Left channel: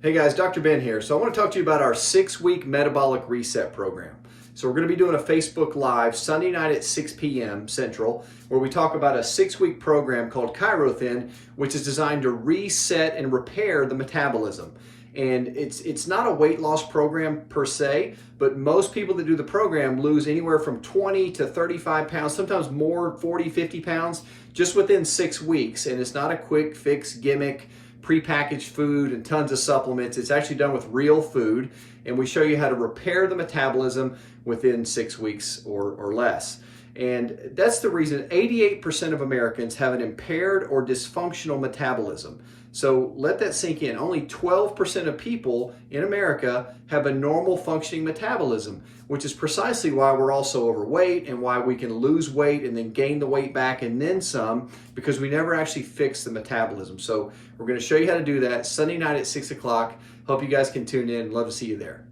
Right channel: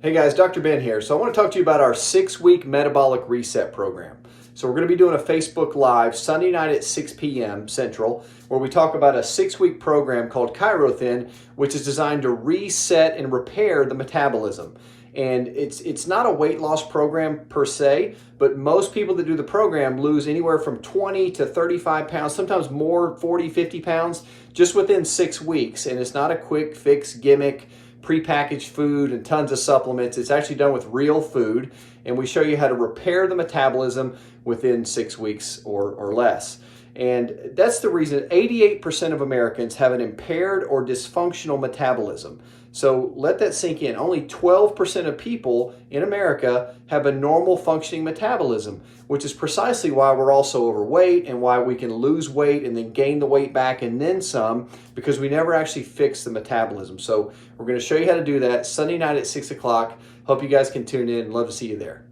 Hey guys, Dr. Ben here. So I want to talk to you about our 6-week Metabolic Reset program. So we're going to be doing a Facebook Live Sunday night at 6 p.m. Central, where we talk about a 6-week program called ChiroThin, which is designed to reset and repair the metabolism. And it's not a weight loss program per se, but most people that do the program lose anywhere from 20 to 35 pounds, sometimes more, 40, 50 pounds, just within 6 weeks. And it's not a quick fix gimmick, prepackaged food and tons of supplements. It's actually done with real food, and we show you how to repair the metabolism within 6 weeks or less. And that's the reason 88% of Americans have an impaired or dysfunctional metabolism. So let that sink in. Only 12% of people in America have a normal functioning metabolism, which is precisely why we're all so overweight and why we can lose weight and then gain the weight back and then some, because we never actually fix the metabolism. So we're going to show you how to do that Sunday night at 6 o'clock. Hope you guys can tune in. Love to see you there.